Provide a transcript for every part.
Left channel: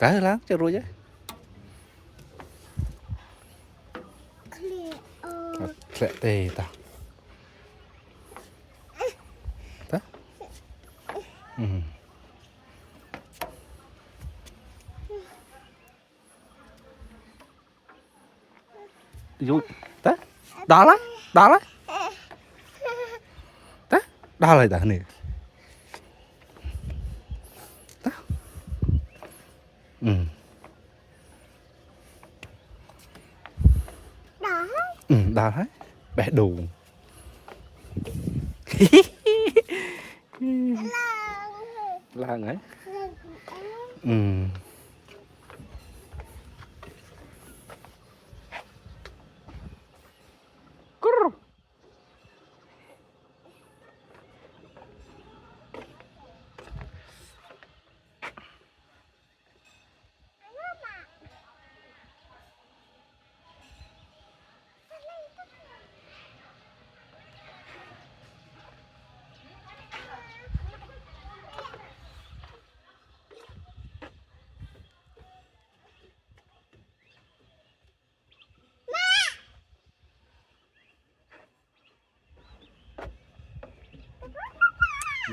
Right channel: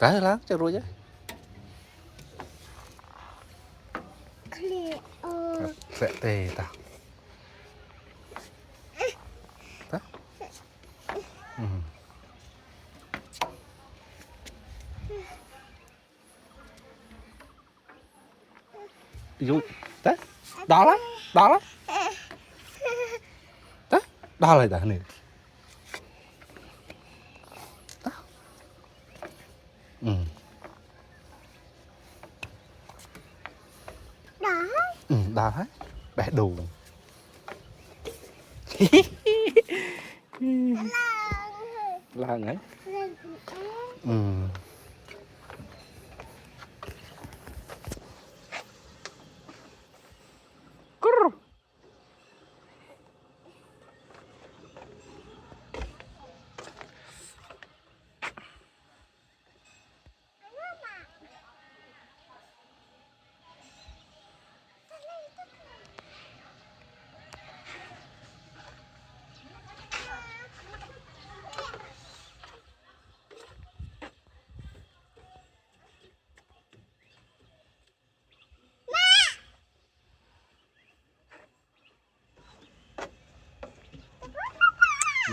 cái láng cho rồi chứ sẽ tê ta ta dụ ta đó lá đó lại ta này ta đó đấy bé đủ làng ấy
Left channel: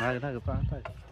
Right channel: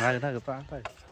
này cái ta